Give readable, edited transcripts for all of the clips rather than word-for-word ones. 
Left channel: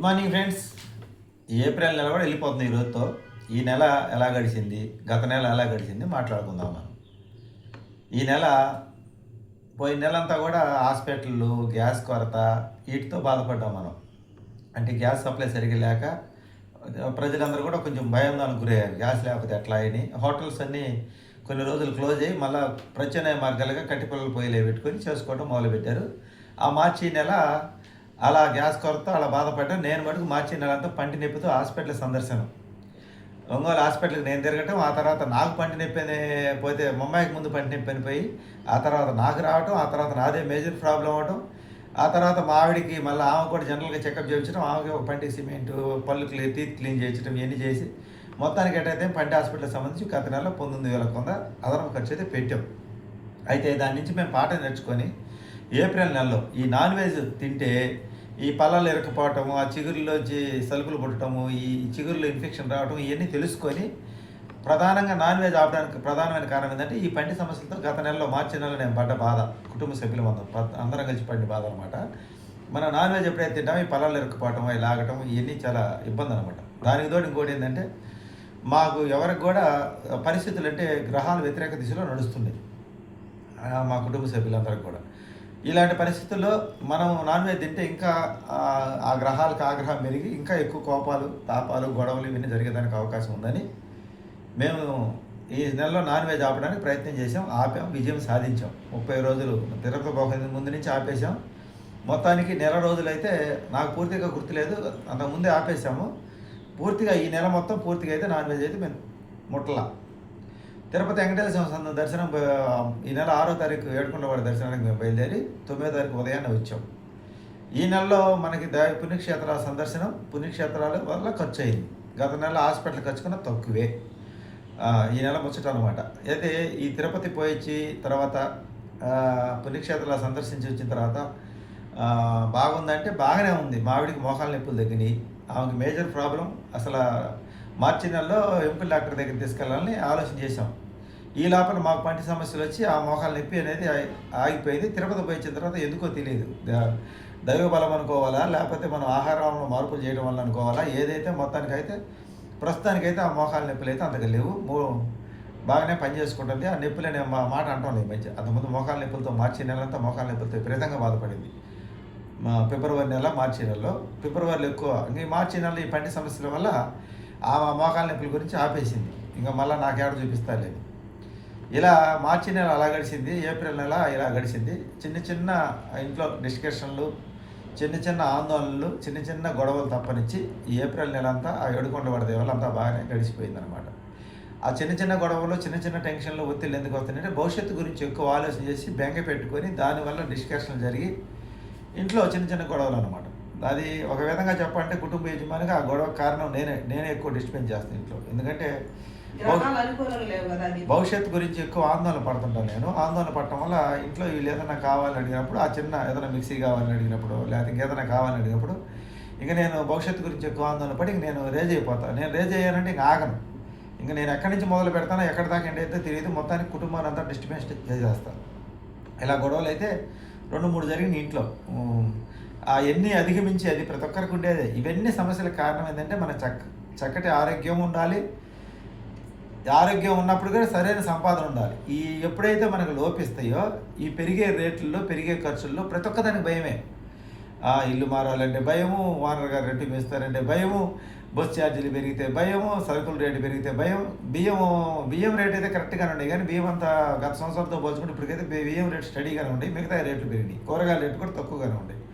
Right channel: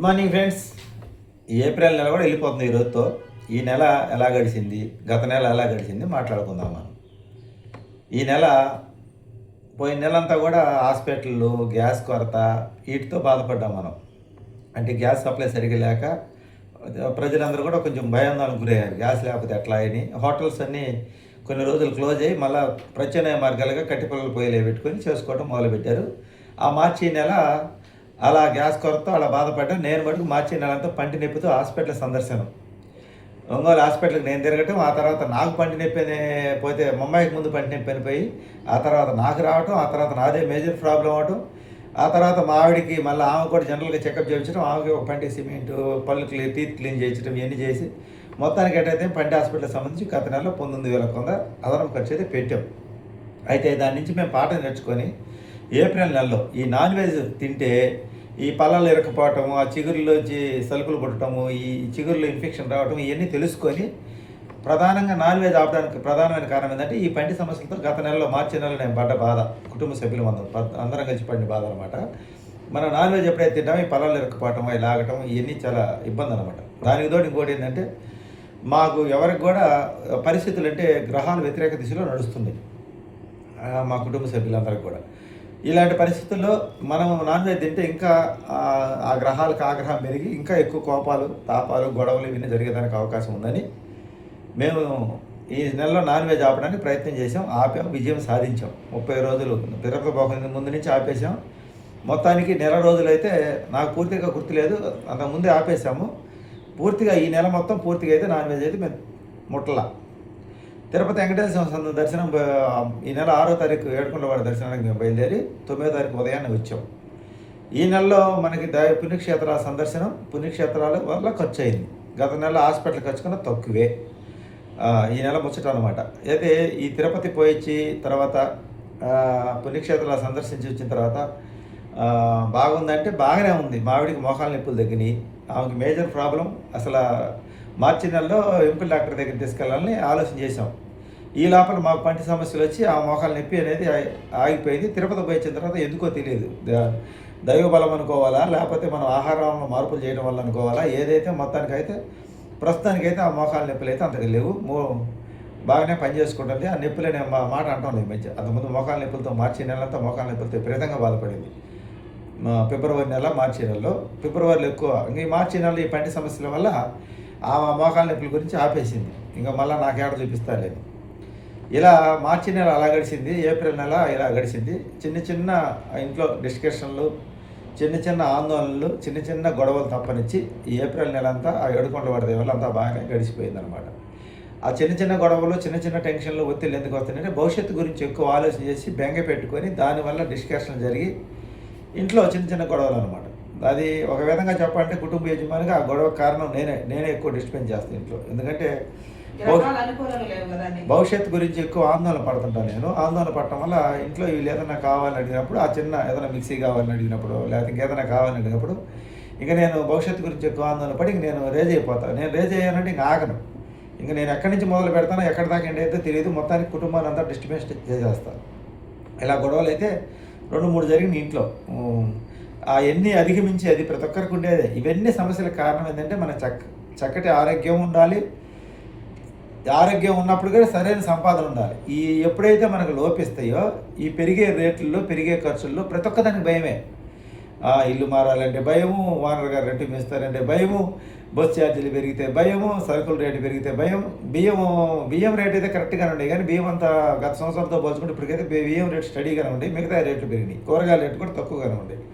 Good morning friends. April నెల కూడా వెళ్ళిపోతుంది ఈ రోజుతో. ఈ నెల ఎలా గడిచింది, గత నెల ఎలా గడిచింది మాట్లాడుకుందాం మనం. ఈ నెల పోయిన నెలంతా కూడా హాస్పిటళ్ళు, గ్యాస్ కొరత వీటితో బాధపడ్డాం మనం. అంటే గ్యాస్ సప్లై సరిగ్గా లేక ప్రజలందరూ కూడా కొంచెం భయాందోళనకు గురయ్యారు. గ్యాస్ లేకపోతే ఎట్లా అని హోటల్స్ అన్నీ కొన్ని రోజులు క్లోజ్ అయ్యి మళ్ళీ ప్రత్యామ్నాయ మార్గాలుగా కట్టిపొల్లలు పొయ్యిలే పెట్టుకొని చేసుకోవడం మొదలుపెట్టారు. ఆ మార్చి నెల అలా గ్యాస్ కొరత అలా బాధపడ్డాను. నేను మటుకు మార్చి నెలంతా పంటి నొప్పితో హాస్పిటల్ సందర్శనం. ఒంగోలు హాస్పిటల్కి నేను తిరగటం, ఆ తర్వాత నాకు పంటి నొప్పి పోతే ముంబైకి ముందు పంటి నొప్పి అనిపోయి ఆ తర్వాత నాకు రావటం, ఆ తర్వాత నాదే మేజర్ ప్రాబ్లం అవటం, ఆ తర్వాత మా ఆవిడికి మళ్ళీ ఆమె కూడా జనరల్గా చెకప్ చేయించడం, ఆమెకి ఒక పంటి సిమెంట్, పళ్ళు టీత్ క్లీన్ చేయించడం ఇవన్నీ చేసి మొత్తానికి ఎట్టయితే పంటి హాస్పిటల్కి సంబంధించి గత నెలలో 19,000 అదనపు ఖర్చు అయితే పెట్టాం. అయితే దాని నుంచి మేము పాఠం నేర్చుకొని ఏప్రిల్ నెలలో ఈ నాన్ వెజ్ తింటే ఈ పళ్ళలు ఇరకపోవటము, ఆ చిగురులోంచి సలుపులు పుట్టడము, ఈ చిగురులో ఇన్ఫెక్షన్ రావటం ఇవన్నీ తెలుసుకొని ప్రధానంగా నాన్ వెజ్ ఆపడానికి ప్రధానమైన కారణం ఏంటంటే ఈ పంటి సమస్యలతో గత నెలలో మార్చి నెలలో నేను పడ్డ బాధ, కుటుంబ సభ్యులు అందరం కలిసి పడిన బాధ అనమాట. మన నాన్ వెజ్ ఎప్పుడైతే తింటామో ఈ పళ్ళలు ఇరకపోవటం, అవి లాగటం ఇవన్నీ చాలా ఇబ్బంది అనమాట. దానికి తోడు ఇంకోటి ఏంటంటే మాకు ఎవరికి కూడా పరిస్థితులు అంటే గ్రహాలు వ్యతిరేక దిశలో నడుస్తుంది మా కుటుంబ సభ్యులందరికీ కూడా. ఇలాంటి పరిస్థితుల్లో మనం నాన్ వెజ్ తింటే ఇంకా ఆ గ్రహాలకు ఆగ్రహం పెరిగి ఇంకా ఎక్కువ కోపాలు, తాపాలు, గొడవలు ఇవన్నీ జరిగేదానికి అవకాశం ఉందని మేము ఈ నెలలో నాన్ వెజ్ ఆపడానికి ప్రయత్నం చేసాం. ఆపాం, విజయం సాధించాం. 30 రోజులు తిరుపతి పోకుండా ముందు నుంచి ఆపేసాం. మొత్తానికి నెల రోజులైతే నాకు పూర్తిగా గుర్తులేదు, అంతకుముందే ఆపేసాము. పూర్తిగా ఈ నెల మొత్తం పూర్తిగా అయితే నాన్ వెజ్ అయితే మేము ముట్టలా. తిరుపతి వెంకటేశ్వర స్వామి దర్శనం ఈ నెల 6వ తారీఖు ఏడుకొండలవాడ దర్శనానికి మేము బయలుదేరి 9వ తారీఖు ఉదయాన్నే వచ్చాం. ఈ నెలలో మనకి పుణ్యక్షేత్రాల సందర్శనం, పుణ్యక్షేత్రాల వల్ల ఖర్చు అయింది. గత నెల హాస్పిటల్ ఖర్చు కన్నా తక్కువే ఈ నెల ముచ్చట అనమాట. అయితే ఈ తిరుపతి పోయిచ్చి తర్వాత పుణ్యక్షేత్రాల సందర్శించి వచ్చిన తర్వాత బాగుందంటే బాగానే ఉంది. మావిడికి మోకాళ్ళ నొప్పులు తగ్గినాయి. ఆమెకి మేజర్ ప్రాబ్లం అసలు మార్చి నెలలో ఎంపుల్ డాక్టర్ దగ్గర తీసుకెళ్ళాలని ఆలోచన చేసాం. ఈ లోపల మాకు పంటి సమస్యలు వచ్చి ఆ మోకాళ్ళ నొప్పి అనేది ఆగిపోయింది. తిరుపతి పోయి వచ్చిన తర్వాత ఎందుకో తెలియదు, దైవ బలం అనుకోవాలా లేకపోతే మనం ఆహారంలో మార్పులు చేయడం వల్ల అనుకోవాలా, ఏదైతే మొత్తానికైతే ప్రస్తుతానికైతే ఆ మోకాళ్ళ నొప్పులు అయితే అంతగా లేవు, బాగానే పనిచేసుకుంటుంది. ఆ నొప్పులనే మాట అంటాం లేదు మంచి. అంతకుముందు మోకాళ్ళ నొప్పులతో మార్చి నెలంతా మోకాళ్ళ నొప్పులతో విపరీతంగా బాధపడింది. ఫిబ్రవరి నెల, మార్చి నెలలో. ఫిబ్రవరిలో ఎక్కువ. ఇంకా ఈ మార్చి నెలలో ఈ పంటి సమస్యల వల్ల ఆ మోకాళ్ళ నొప్పుల గురించి ఆపేసింది. ఇంకా మళ్ళీ నాకేడ చూపిస్తాలేదు. ఇలా మార్చి నెల అలా గడిచింది, ఏప్రిల్ నెల ఇలా గడిచింది. చిన్న చిన్న ఇంట్లో డిస్కషన్లు, చిన్న చిన్న ఆందోళనలు, చిన్న చిన్న గొడవలు తప్పనిచ్చి ఈ ఏప్రిల్ నెల అంతా ఆ ఏడుకొండలవాడ దేవుళ్ళు అంతా బాగానే గడిచిపోయిందనమాట. ఆ చిన్న చిన్న గొడవలు, చిన్న చిన్న టెన్షన్లు, ఒత్తిళ్ళు ఎందుకు వస్తున్నాయంటే భవిష్యత్తు గురించి ఎక్కువ ఆలోచన చేసి బెంగ పెట్టుకొని దానివల్ల డిస్కషన్లు జరిగి ఇంట్లో చిన్న చిన్న గొడవలు అనమాట. అది ఒక విధంగా చెప్పాలంటే కుటుంబ యజమానిగా ఆ గొడవ కారణం నేనే ఎక్కువ డిస్టర్బెన్స్ చేస్తాను ఇంట్లో. ఎందుకంటే భవిష్యత్తు గురించి ఎక్కువ ఆందోళన పడుతుంటాను నేను. ఆందోళన పడటం వల్ల ఇంట్లో వీళ్ళు ఏదైనా కావాలని అడిగినప్పుడు, ఆ చిన్న ఏదైనా మిక్సీ కావాలని అడిగినప్పుడు, లేకపోతే ఇంకేదైనా కావాలని అడిగినప్పుడు ఇంకా నేను భవిష్యత్తు గురించి ఎక్కువ ఆందోళన పడి ఇంక నేను రేజ్ అయిపోతాను. నేను రేజ్ అయ్యానంటే ఇంక ఆగను. ఇంకా నేను ఎక్కడి నుంచి మొదలు పెడతానో ఎక్కడి దాకా ఏంటైతే తెలియదు, మొత్తానికి కుటుంబాన్ని అంతా డిస్టర్బెన్స్ చేసేస్తాను. ఇలా గొడవలు అయితే 2-3 జరిగినాయి ఇంట్లో. అవన్నీ అధిగమించి అది ప్రతి ఒక్కరికి ఉండేది. ఇవన్నీ సమస్యలకు కారణం ఏంటంటే మన చక్కటి ఆరోగ్యం ఉండాలి. ఆరోగ్యం ఉన్నప్పుడు కూడా సరైన సంపాదన ఉండాలి. ఎప్పుడైతే మనకు లోపిస్తాయో ఈ పెరిగే రేట్లలో, పెరిగే ఖర్చుల్లో ప్రతి ఒక్కదానికి భయమే. ఇల్లు మారాలంటే భయము, ఓనర్ గారు రెంట్ ఇస్తారంటే భయము, బస్ ఛార్జీలు పెరిగితే భయము, సరుకుల రేటు పెరిగితే భయం. బియ్యం రేట్ అయితే కరెక్ట్గానే ఉండేవి, కానీ బియ్యం అంతా గత సంవత్సరంతో పోల్చుకుంటే ఇప్పటికైతే బియ్యం రేటు స్టడీగానే ఉండేవి. మిగతా రేట్లు పెరిగినాయి. కూరగాయల రేటు కూడా తక్కువగానే ఉండేవి.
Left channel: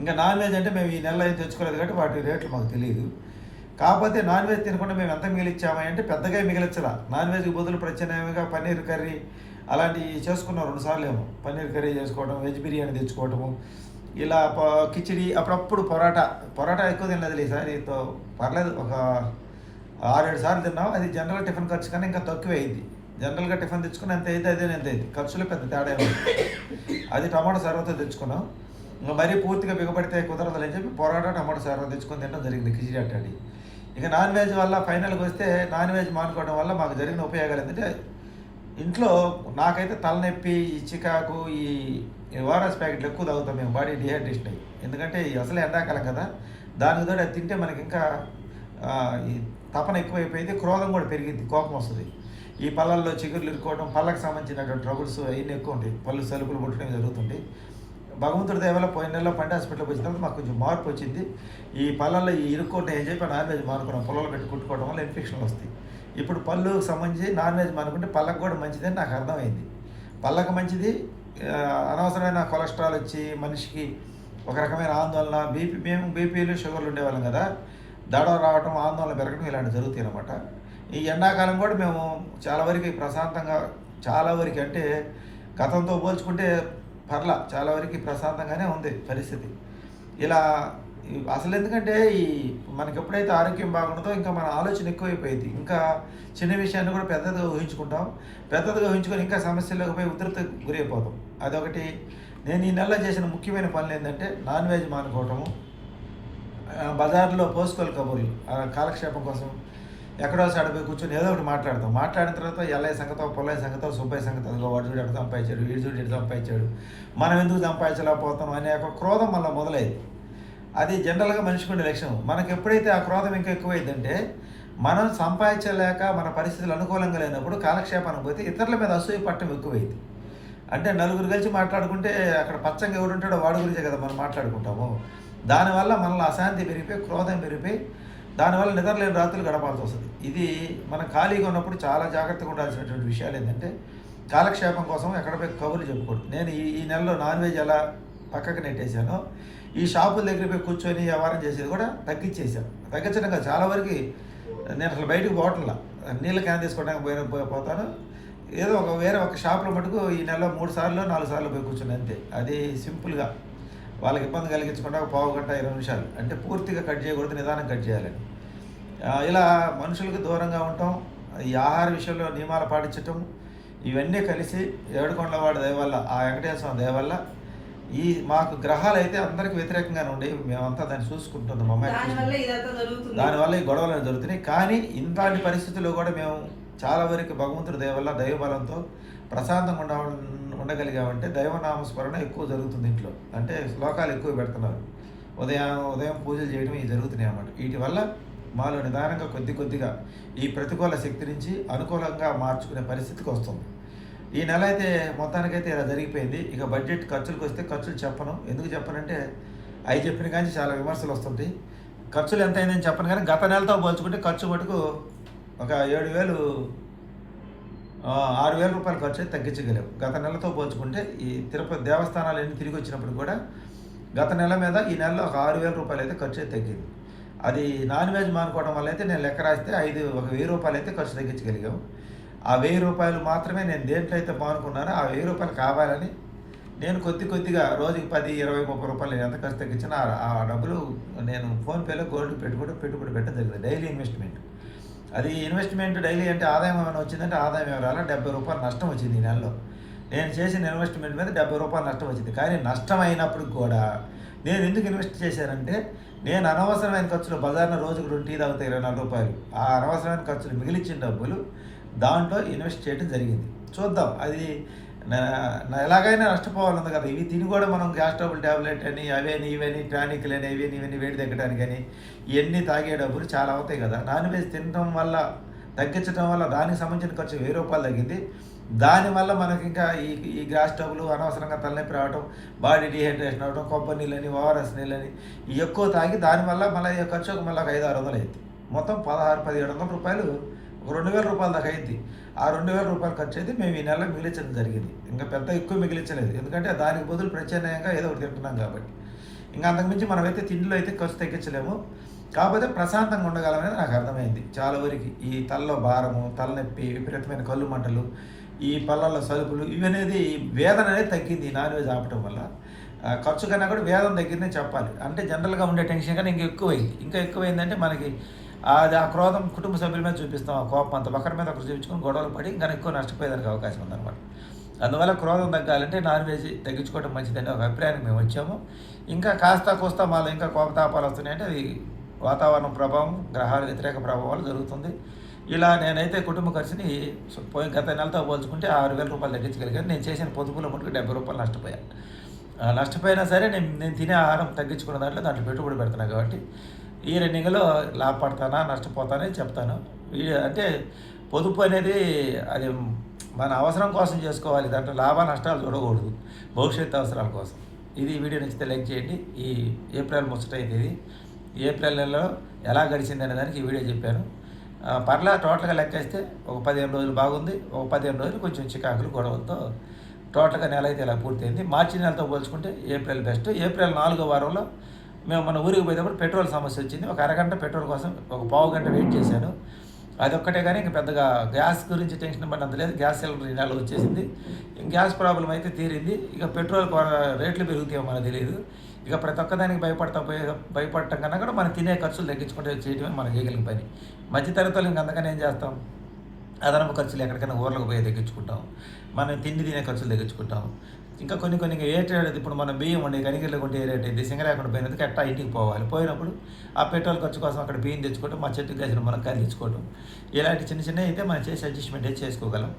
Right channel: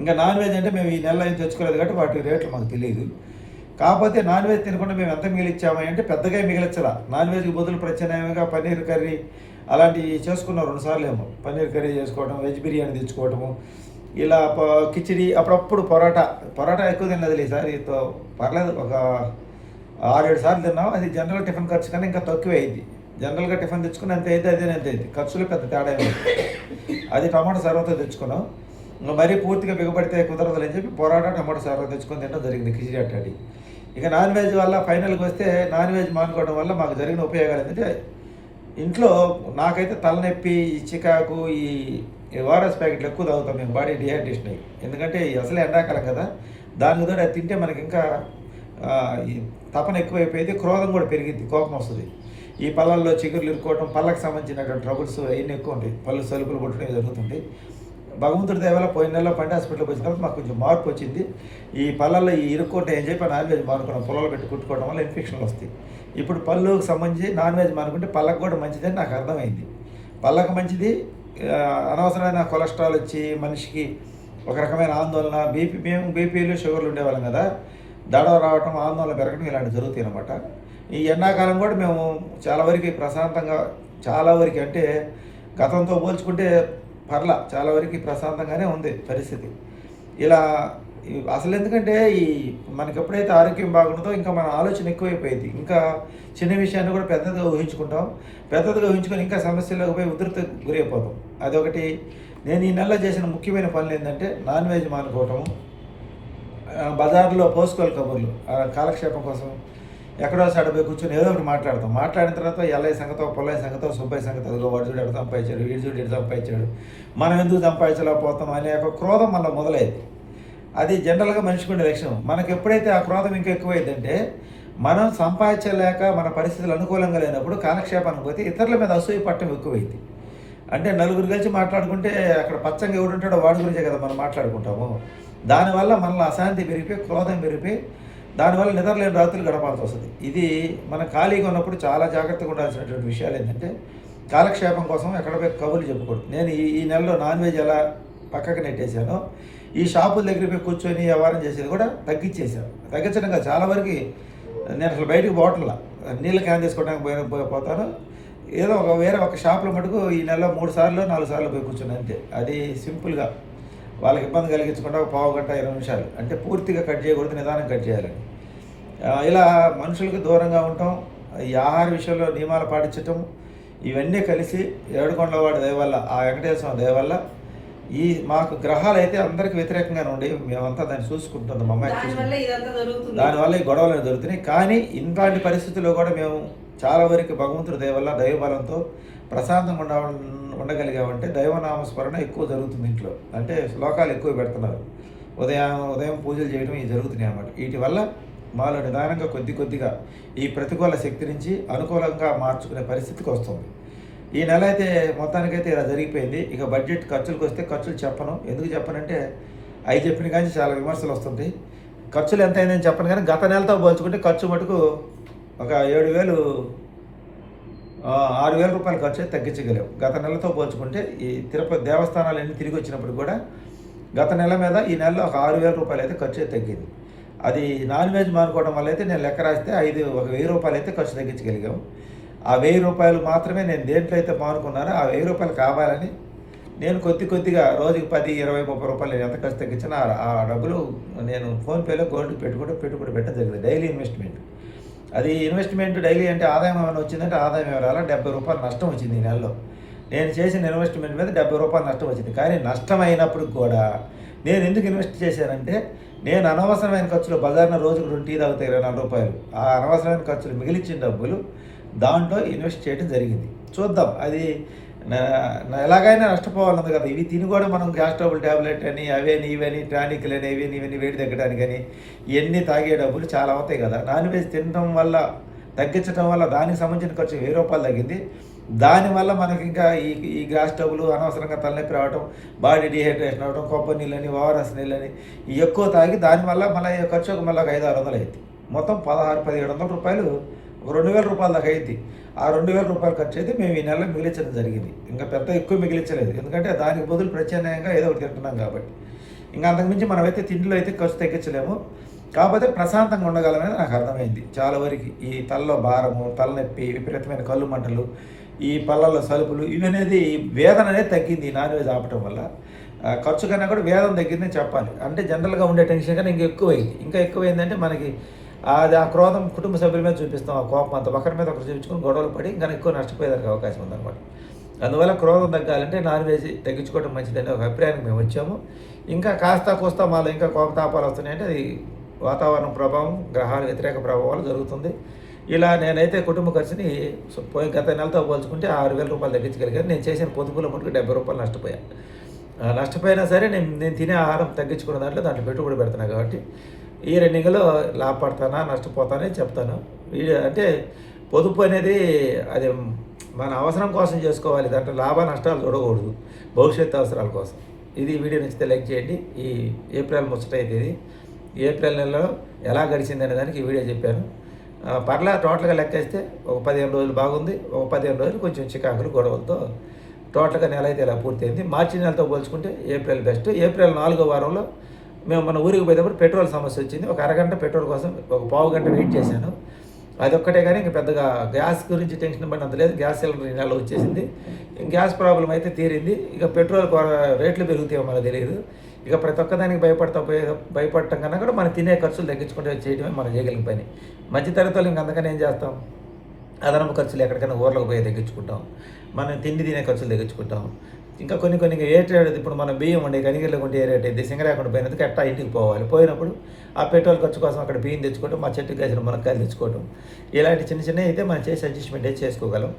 ఇంకా నాన్ వెజ్ అంటే మేము ఈ నెలలో ఏం తెచ్చుకోలేదు కాబట్టి వాటి రేట్లు మాకు తెలియదు. కాకపోతే నాన్ వెజ్ తినకుండా మేము ఎంత మిగిలిచ్చామా అంటే పెద్దగా మిగిలిచ్చలా. నాన్ వెజ్కి బదులు ప్రత్యామ్నాయంగా పన్నీర్ కర్రీ అలాంటివి చేసుకున్నాం 2 సార్లు ఏమో. పన్నీర్ కర్రీ చేసుకోవడం, వెజ్ బిర్యానీ తెచ్చుకోవటము, ఇలా కిచిడి, అప్పుడప్పుడు పొరాటా ఎక్కువ తిన్నది ఈసారితో పర్లేదు. ఒక 6-7 సార్లు తిన్నాం. అది జనరల్ టిఫిన్ ఖర్చు కన్నా ఇంకా తక్కువే అయింది. జనరల్గా టిఫిన్ తెచ్చుకుని ఎంత అయితే అదే ఎంత అయింది, ఖర్చులో పెద్ద తేడా ఉంది. అది టమాటో సర్వతో తెచ్చుకున్నాం. మరీ పూర్తిగా బిగపడితే కుదరదు అని చెప్పి పొరాటా టమాటో సర్వ తెచ్చుకొని తింటం జరిగింది, కిచిడి అట్టడి. ఇక నాన్ వెజ్ వల్ల ఫైనల్కి వస్తే నాన్ వెజ్ మానుకోవడం వల్ల మాకు జరిగిన ఉపయోగాలు ఏంటంటే ఇంట్లో నాకైతే తలనొప్పి, ఈ చికాకు, ఈ ఓఆర్ఎస్ ప్యాకెట్లు ఎక్కువ తాగుతాం మేము, బాడీ డిహైడ్రేషన్ అయ్యి. ఎందుకంటే అసలే ఎండాకాలం కదా, దానికి తోడు అది తింటే మనకి ఇంకా ఈ తపన ఎక్కువైపోయింది, క్రోధం కూడా పెరిగింది, కోపం వస్తుంది. ఈ పళ్ళల్లో చిగుర్లు ఇరుక్కోవడం, పళ్ళకు సంబంధించినటువంటి ట్రబుల్స్ అవన్నీ ఎక్కువ ఉంటాయి, పళ్ళు సలుపులు పుట్టడం జరుగుతుంది. భగవంతుడి దయ వల్ల పోయిన నెలలో పంట హాస్పిటల్కి వచ్చిన తర్వాత మాకు కొంచెం మార్పు వచ్చింది. ఈ పళ్ళల్లో ఈ ఇరుక్కోవటం ఏం చెప్పి నాన్ వెజ్ మానుకున్నాం, పొలంలో పెట్టి కుట్టుకోవడం వల్ల ఇన్ఫెక్షన్లు వస్తాయి. ఇప్పుడు పళ్ళుకి సంబంధించి నాన్ వెజ్ మానుకుంటే పళ్ళకు కూడా మంచిదని నాకు అర్థమైంది. పళ్ళకు మంచిది, అనవసరమైన కొలెస్ట్రాల్ వచ్చి మనిషికి ఒక రకమైన ఆందోళన, మేము బీపీలు షుగర్లు ఉండేవాళ్ళం కదా, దడ రావటం, ఆందోళన పెరగడం ఇలాంటివి జరుగుతాయి అన్నమాట. ఈ ఎండాకాలం కూడా మేము చాలా వరకు ప్రశాంతంగా, చాలా వరకు అంటే గతంతో పోల్చుకుంటే చాలా వరకు ప్రశాంతంగానే ఉంది పరిస్థితి. ఇలా అసలు ఎందుకంటే మనకి ఎప్పుడైతే ఆరోగ్యం బాగుంటుందో ఇంకా మన ఆలోచన ఎక్కువైపోయింది. ఇంకా చిన్న విషయాన్ని కూడా పెద్దదిగా ఊహించుకుంటాం, పెద్దదిగా ఊహించుకొని ఇంకా సమస్యలకు పోయి ఉధృత గురైపోతాం. అదొకటి. నేను ఈ నెలలో చేసిన ముఖ్యమైన పనులు ఏంటంటే నాన్ వెజ్ మానుకోవటము, బజార్లో పోసుకోవాలి కబుర్లు కాలక్షేపం కోసం ఎక్కడో పోయి కూర్చొని ఏదో ఒకటి మాట్లాడతాం. మాట్లాడిన తర్వాత ఎల్లయ్య సంగతో, పొల్లయ్య సంగతో, సుబ్బయ్య సంగతో, అదిగో వాడు చూడు ఎక్కడ సంపాదించాడు, వీడు చూడు ఎటు సంపాదించాడు, మనం ఎందుకు సంపాదించలేకపోతాం అనే ఒక క్రోధం మళ్ళీ మొదలైంది. అది జనరల్గా మనిషికి ఉండే లక్షణం. మనకు ఎప్పుడైతే ఆ క్రోధం ఇంకా ఎక్కువైందంటే మనం సంపాదించలేక మన పరిస్థితులు అనుకూలంగా లేనప్పుడు కాలక్షేపానికి పోతే ఇతరుల మీద అసూయ పట్టడం ఎక్కువైంది. అంటే నలుగురు కలిసి మాట్లాడుకుంటే అక్కడ పచ్చంగా ఎవడు ఉంటాడో వాడి గురించే కదా మనం మాట్లాడుకుంటాము. దానివల్ల మనలో అశాంతి పెరిగిపోయి, క్రోధం పెరిగిపోయి, దానివల్ల నిద్రలేని రాత్రులు గడపాల్సి వస్తుంది. ఇది మనం ఖాళీగా ఉన్నప్పుడు చాలా జాగ్రత్తగా ఉండాల్సినటువంటి విషయాలు ఏంటంటే కాలక్షేపం కోసం ఎక్కడ పోయి కబుర్లు చెప్పుకోండి. నేను ఈ నెలలో నాన్ వెజ్ ఎలా పక్కకు నెట్టేశానో, ఈ షాపుల దగ్గర పోయి కూర్చొని వ్యవహారం చేసేది కూడా తగ్గించేశాను. తగ్గించడంగా చాలా వరకు నేను అసలు బయటకు పోవట్లా, నీళ్ళ క్యాన్ తీసుకోవడానికి పోతాను. ఏదో వేరే ఒక షాపులో మటుకు ఈ నెలలో 3 సార్లు 4 సార్లు పోయి కూర్చుని అంతే. అది సింపుల్గా వాళ్ళకి ఇబ్బంది కలిగించకుండా ఒక పావు గంట 20 నిమిషాలు, అంటే పూర్తిగా కట్ చేయకూడదు, నిదానం కట్ చేయాలని. ఇలా మనుషులకు దూరంగా ఉండటం, ఈ ఆహార విషయంలో నియమాలు పాటించటం, ఇవన్నీ కలిసి ఏడుకొండలవాడి దయ వల్ల, ఆ వెంకటేశ్వర దయ వల్ల మాకు గ్రహాలు అయితే అందరికి వ్యతిరేకంగానే ఉండేవి. మేమంతా దాన్ని చూసుకుంటున్నాం, మా అమ్మాయి దానివల్ల ఈ గొడవలు జరుగుతున్నాయి. కానీ ఇలాంటి పరిస్థితుల్లో కూడా మేము చాలా వరకు భగవంతుడి దయ వల్ల, దైవబలంతో ప్రశాంతంగా ఉండగలిగామంటే దైవనామస్మరణ ఎక్కువ జరుగుతుంది ఇంట్లో. అంటే శ్లోకాలు ఎక్కువ పెడుతున్నారు, ఉదయం పూజలు చేయడం ఇవి జరుగుతున్నాయి అన్నమాట. వీటి వల్ల మాలో నిదానంగా కొద్దిగా ఈ ప్రతికూల శక్తి నుంచి అనుకూలంగా మార్చుకునే పరిస్థితికి వస్తుంది. ఈ నెల అయితే మొత్తానికైతే ఇలా జరిగిపోయింది. ఇక బడ్జెట్ ఖర్చులకు వస్తే ఖర్చులు చెప్పను. ఎందుకు చెప్పనంటే అవి చెప్పిన కానీ చాలా విమర్శలు వస్తుంటాయి. ఖర్చులు ఎంత అయిందని చెప్పను, కానీ గత నెలతో పోల్చుకుంటే ఖర్చు మటుకు ఒక 6,000 రూపాయల ఖర్చు అయితే తగ్గించగలేవు. గత నెలతో పోల్చుకుంటే ఈ తిరుపతి దేవస్థానాలు అన్నీ తిరిగి వచ్చినప్పుడు కూడా గత నెల మీద ఈ నెలలో ఒక 6,000 రూపాయలు అయితే ఖర్చు అయితే తగ్గింది. అది నాన్ వెజ్ మానుకోవడం వల్ల అయితే నేను లెక్క రాస్తే 1,000 రూపాయలు అయితే ఖర్చు తగ్గించగలిగాము. ఆ 1,000 రూపాయలు మాత్రమే నేను దేంట్లో అయితే మానుకున్నానో ఆ 1,000 రూపాయలు కావాలని నేను కొద్దిగా రోజుకి 10, 20, 30 రూపాయలు ఎంత ఖర్చు తగ్గించినా ఆ డబ్బులు నేను ఫోన్పేలో గోల్డ్కి పెట్టుబడి పెట్టడం జరిగింది. Daily investment. అది ఇన్వెస్ట్మెంట్ డైలీ అంటే ఆదాయం ఏమైనా వచ్చిందంటే ఆదాయం ఎవరాల 70 రూపాయలు నష్టం వచ్చింది ఈ నెలలో. నేను చేసిన ఇన్వెస్ట్మెంట్ మీద 70 రూపాయలు నష్టం వచ్చింది. కానీ నష్టం అయినప్పుడు కూడా నేను ఎందుకు ఇన్వెస్ట్ చేశానంటే నేను అనవసరమైన ఖర్చులు, బజార్న రోజుకు 2 టీ తాగుతాయి 24 రూపాయలు, ఆ అనవసరమైన ఖర్చులు మిగిలిచ్చిన డబ్బులు దాంట్లో ఇన్వెస్ట్ చేయడం జరిగింది. చూద్దాం, అది ఎలాగైనా నష్టపోవాలన్నది కదా. ఇవి తిని కూడా మనం గ్యాస్ ట్రబుల్ ట్యాబ్లెట్ అని అవని ఇవని టానిక్లు అని ఇవన్నీ వేడి తగ్గడానికి అని ఇవన్నీ తాగే డబ్బులు చాలా అవుతాయి కదా. నాన్ వెజ్ తినడం వల్ల, తగ్గించడం వల్ల దానికి సంబంధించిన ఖర్చు 1,000 రూపాయలు తగ్గింది. దానివల్ల మనకి ఇంకా ఈ గ్యాస్ ట్రబుల్, అనవసరంగా తలనొప్పి రావడం, బాడీ డిహైడ్రేషన్ అవ్వడం, కొబ్బరి నీళ్ళని, ఓఆర్ఎస్ నీళ్ళని ఎక్కువ తాగి దానివల్ల మళ్ళీ ఖర్చు మళ్ళీ 500-600 అయింది. మొత్తం 1600-1700 రూపాయలు, 2,000 రూపాయల దాకా అయింది. ఆ 2,000 రూపాయలు ఖర్చు అయితే మేము ఈ నెలలో మిగిలించడం జరిగింది. ఇంకా పెద్ద ఎక్కువ మిగిలించలేదు, ఎందుకంటే దానికి బదులు ప్రత్యామ్నాయంగా ఏదో ఒకటి తింటున్నాం కాబట్టి. ఇంకా అంతకుమించి మనమైతే తిండిలో అయితే ఖర్చు తగ్గించలేము. కాకపోతే ప్రశాంతంగా ఉండగలమని నాకు అర్థమైంది చాలా వరకు. ఈ తలలో భారము, తలనొప్పి, విపరీతమైన కళ్ళు మంటలు, ఈ పళ్ళల్లో సలుపులు, ఇవనేది వేదన అనేది తగ్గింది నాన్ వెజ్ ఆపటం వల్ల. ఖర్చు కన్నా కూడా వేదన తగ్గిందని చెప్పాలి. అంటే జనరల్గా ఉండే టెన్షన్ కన్నా ఇంకా ఎక్కువైందంటే మనకి ఆ క్రోధం కుటుంబ సభ్యుల మీద చూపిస్తాం, ఆ కోపం అంతా ఒకరి మీద ఒకరు చూపించుకొని గొడవలు పడి ఇంకా ఎక్కువ నష్టపోయేదానికి అవకాశం ఉందన్నమాట. అందువల్ల క్రోధం తగ్గాలంటే నాన్ వెజ్ తగ్గించుకోవడం మంచిదని ఒక అభిప్రాయానికి మేము వచ్చాము. ఇంకా కాస్త కోస్తా మాలో ఇంకా కోపతాపాలు వస్తున్నాయంటే అది వాతావరణ ప్రభావం, గ్రహాల వ్యతిరేక ప్రభావాలు జరుగుతుంది. ఇలా నేనైతే కుటుంబ ఖర్చుని గత నెలతో పోల్చుకుంటే 6,000 రూపాయలు తగ్గించగలిగాను. నేను చేసిన పొదుపులో మటుకు 70 రూపాయలు నష్టపోయాను. నష్టపోయినా సరే నేను తినే ఆహారం తగ్గించుకున్న దాంట్లో పెట్టుబడి పెడుతున్నాను కాబట్టి ఈ రన్నింగ్‌లో లాభపడతానా, నష్టపోతానా చెప్తాను. అంటే పొదుపు అనేది అది మన అవసరం కోసం చేసుకోవాలి. దాంట్లో లాభ నష్టాలు చూడకూడదు. భవిష్యత్తు అవసరాల కోసం. ఇది వీడియో నచ్చితే లైక్ చేయండి. ఈ ఏప్రిల్ ముచ్చట అయితే ఇది. ఏప్రిల్ నెలలో ఎలా గడిచిందనే దానికి ఈ వీడియో చెప్పాను. పర్లా టోటల్‌గా లెక్కేస్తే ఒక 15 రోజులు బాగుంది. ఒక 15 రోజులు కొంచెం చికాకులు, గొడవలతో టోటల్‌గా నెల అయితే ఇలా పూర్తయింది. మార్చి నెలతో పోల్చుకుంటే ఏప్రిల్ బెస్ట్. ఏప్రిల్ 4వ వారంలో మేము మన ఊరికి పోయేటప్పుడు పెట్రోల్ సమస్య వచ్చింది. ఒక అరగంట పెట్రోల్ కోసం ఒక పావు గంట వెయిట్ చేశాను. అదొక్కటే కానీ ఇంక పెద్దగా గ్యాస్ గురించి టెన్షన్ పడినంత లేదు. గ్యాస్ సిలిండర్ ఈ నెల వచ్చేసింది. గ్యాస్ ప్రాబ్లం అయితే తీరింది. ఇక పెట్రోల్ రేట్లు పెరుగుతాయో మనకు తెలియదు. ఇక ప్రతి ఒక్కదానికి భయపడటం కన్నా కూడా మనం తినే ఖర్చులు తగ్గించుకుంటే చేయడమే మనం చేయగలిగిన పని. మధ్యతరగతులు ఇంక అందుకని ఏం చేస్తాం, అదనపు ఖర్చులు ఎక్కడికైనా ఊర్లకు పోయి తగ్గించుకుంటాం. మనం తిండి తినే ఖర్చులు తగ్గించుకుంటాం. ఇంకా కొన్ని ఏ రేట్ ఇప్పుడు మనం బియ్యం ఉండే కనిగిరిలో కొంటే ఏ రేట్ అయితే సింగరాకుండా పోయినందుకు ఎట్టా ఇంటికి పోవాలి. పోయినప్పుడు ఆ పెట్రోల్ ఖర్చు కోసం అక్కడ బియ్యం తెచ్చుకోవటం, మా చెట్టుకు కాసిన మునక్కాయలు తెచ్చుకోవటం, ఇలాంటి చిన్న అయితే మనం చేసి అడ్జస్ట్మెంట్ అయితే చేసుకోగలం.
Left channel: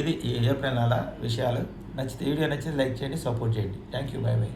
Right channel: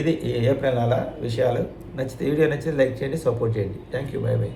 ఇది ఈ ఏప్రిల్ నెల విషయాలు. వీడియో నచ్చితే లైక్ చేయండి, సపోర్ట్ చేయండి. Thank you. By by.